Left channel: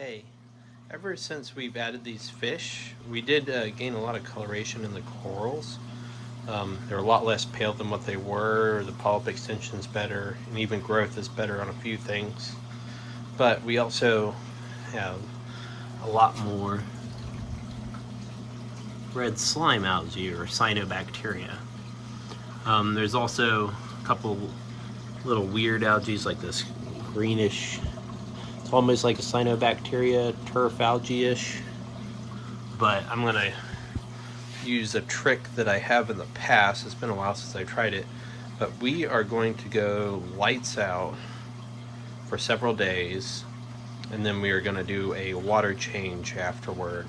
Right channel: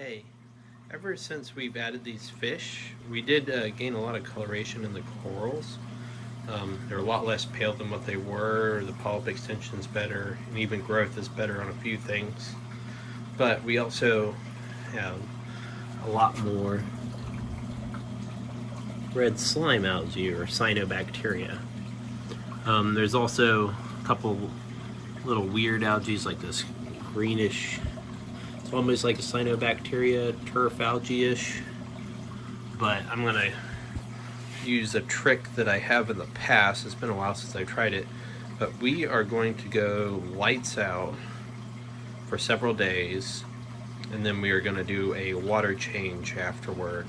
Hey, ever since we've added these fish, we did gain a lot of coloration in the corals. They're a lot less pale than what they were, the polyp extension's better, and even growth is better on a few things. But we also have a lot more red slime algae or cyanobacteria. There's also a couple little weird algae like this greenish, it's almost like a cyanobacteria, turf algae-ish. But I'm gonna use a trick that I have in the past. It's been a while since I tried it, but we are going to go lights out for several days, and then we are going to do a water change afterward.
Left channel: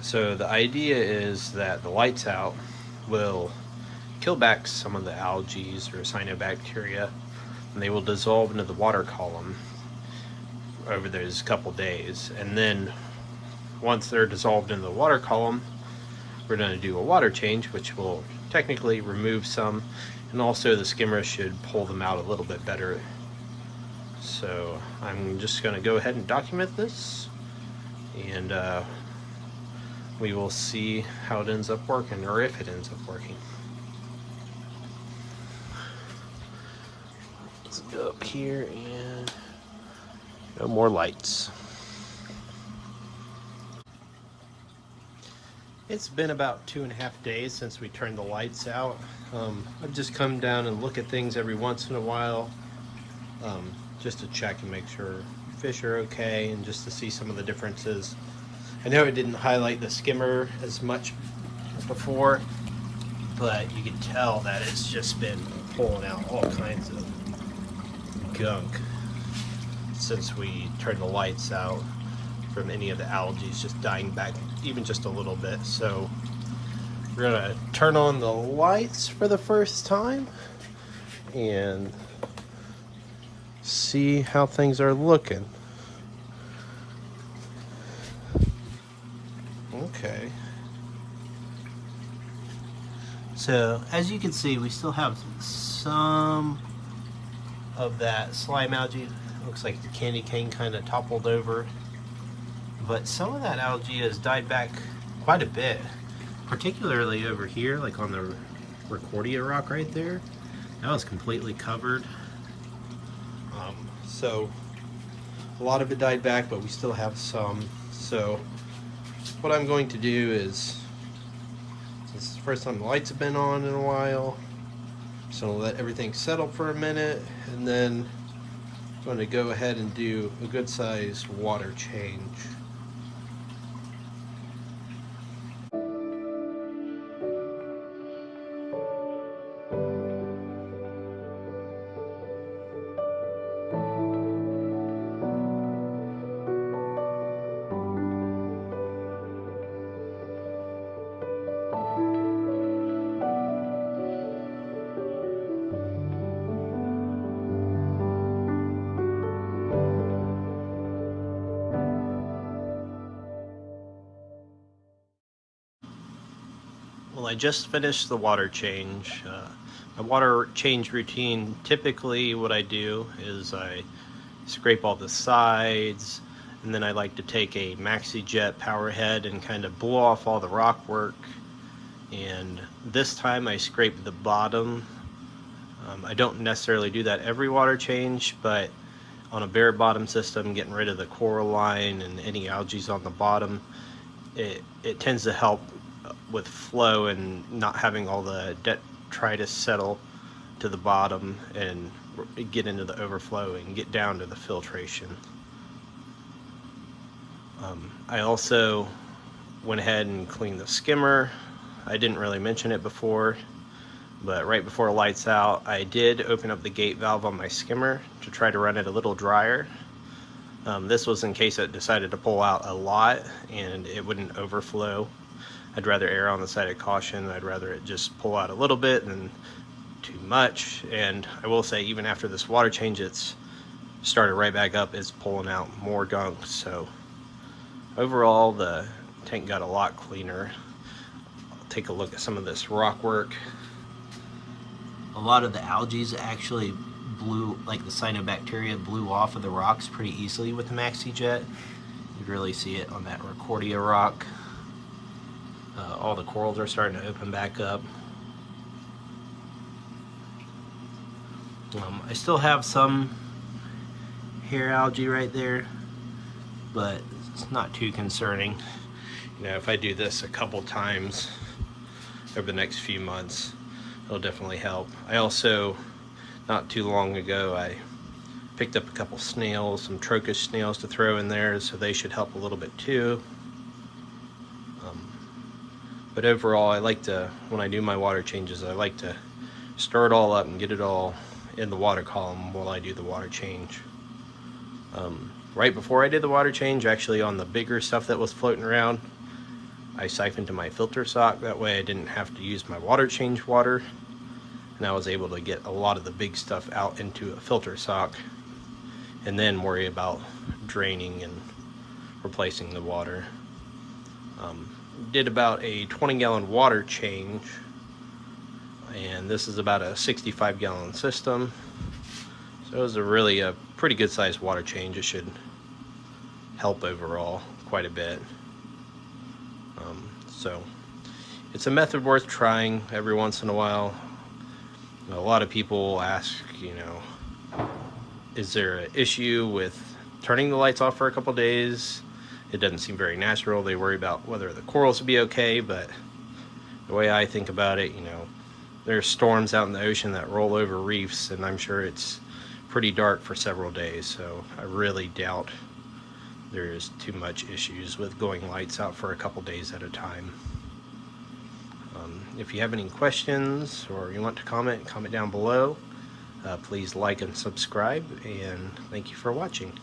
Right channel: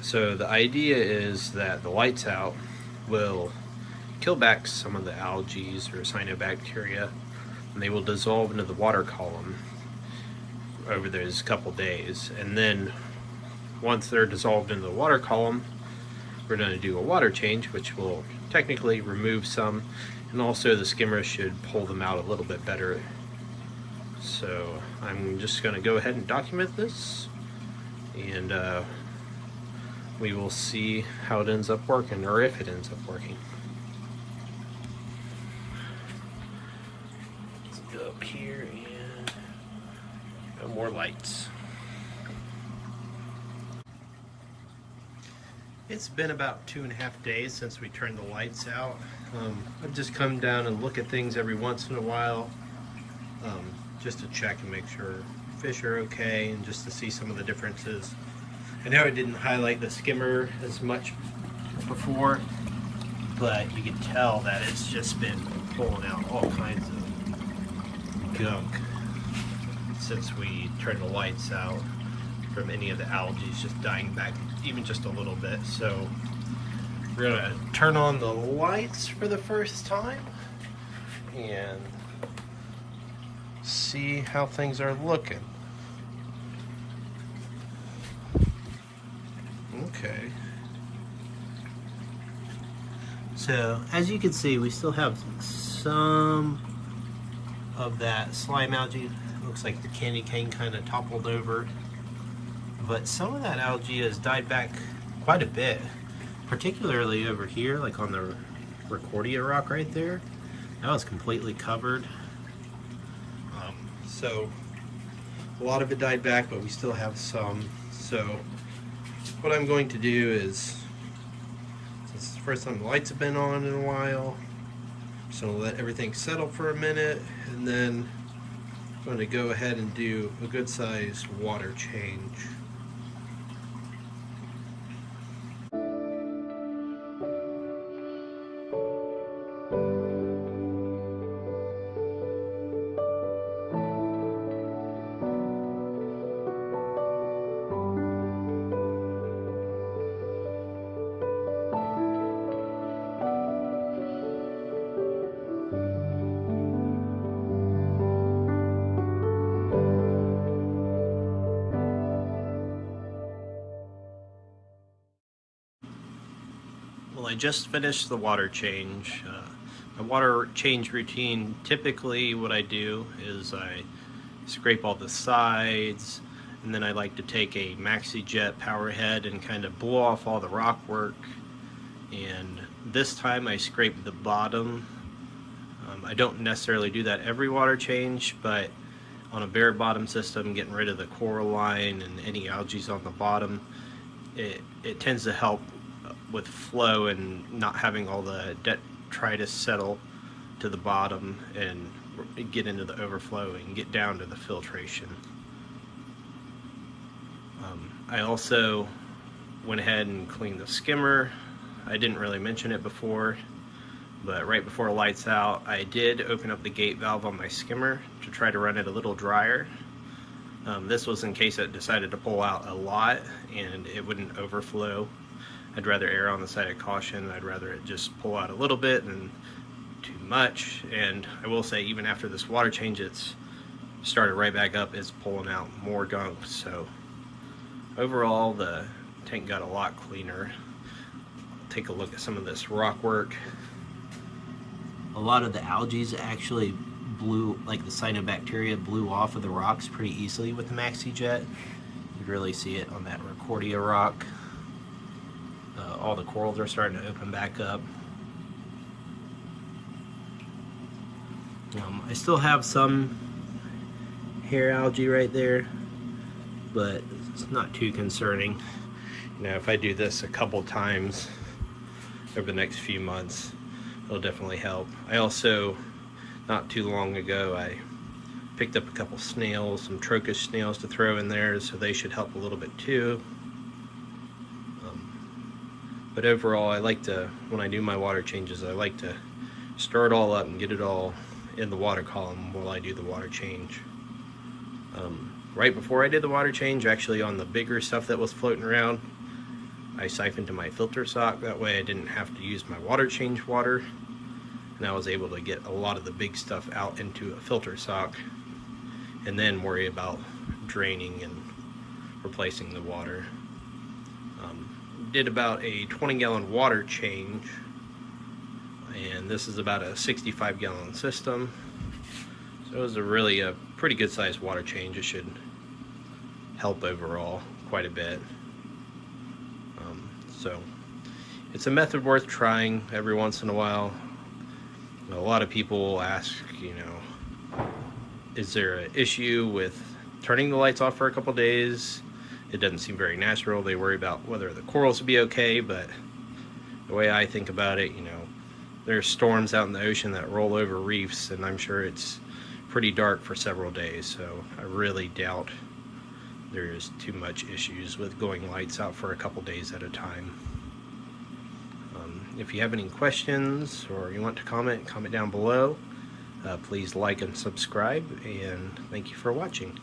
So the idea is that the lights out will kill back some of the algae or cyanobacteria, and they will dissolve into the water column over those couple days. And then once they're dissolved into the water column, we're going to do a water change, which will technically remove some, and also the skimmer should pull them out a little bit better. So I'm just going to go ahead and document this, and we will see how it ends up working, or if it ends up working. Let's go up here and no more lights. It's been about 2.5 days since we turned the lights out. I've just come down and look at things every once in a while, just to check and make sure fish are okay, and just to see some of the differences. I know I didn't highlight the skimmer as much before, but you can tell that it's just been pulling out all kinds of gunk since we turned the lights out, from any of the algae just dying back even just a little bit. So we're gonna turn on the lights for the first time and see how things are looking. Okay. So as you can see, we still have some of that slime algae. Looks like the candy cane kind of toppled over, but some of that algae has died back quite a bit, particularly over here, like on the Recordia rock right there. That was completely covered. So a lot of it died back, but we still have some. So what I'm going to do is, since it's the first time the lights have been on in a while, I'm just going to let everything settle for a minute, and then I'm going to go ahead and do a good sized water change. Well, I just finished the water change. My water change routine, typically what I do is I scrape all the sides, and then I like to take a maxi jet power head and kind of blow off all the rock work. And this time I scraped the bottom. I don't necessarily do that every water change, but on a bare bottom system, getting rid of the coral line and any algae on the bottom, it tends to help with flow and not having all the detritus settle to the bottom and get into the overflow and get down to the filtration. I also went ahead and cleaned the skimmer. I didn't really mention it before, but right before lights out, I did open up the gate valve on my skimmer to try to run it a little drier. This was in case it decided to pull out a lot and it wouldn't overflow. I'd rather err on the side of caution. I'd rather it just pull out a little bit than too much. And I will say, even after this water change, it's started right back up. It's pulling out more gunk. So overall, the tank got a lot cleaner. I'll take a look at some of this rock work. A lot of the algae actually blew, like the cyanobacteria blew off of the rocks pretty easily with the MaxiJet. You can really see it on that Rockordia rock. All the corals are starting to open back up. I still have some hair algae right there, but it's not too concerning. You know, if I do this a couple times over the next few months, it'll definitely help. I also, not too long ago, I picked up a couple snails, some trochus snails to throw in there, so they should help a little bit too. But overall, I like to, when I do my water changes, I like to stir it all up and get it all in the water column while I do the water change. Right before I did the water change, actually on the bigger stuff that was floating around, I siphoned to my filter sock. That way I didn't have to use my water change water, and I was able to get a lot of the big stuff out into a filter sock and then worry about draining and replacing the water. Did about a 20-gallon water change, and this is about a 65-gallon system, so it was a pretty good sized water change. It should help overall quite a bit. So it's a method worth trying every once in a while. A lot of people ask, you know, is there an issue with turning the lights off for a couple days? It doesn't seem very natural. They worry about whether the corals will be okay, but the way I think about it, you know, there's storms out in the ocean that roll over reefs, and I'm sure it's pretty dark for several days, so I really doubt there's too much issues with going lights out for a couple days at a time. If you have any questions or you want to comment down below. Please like and subscribe, and thank you for watching.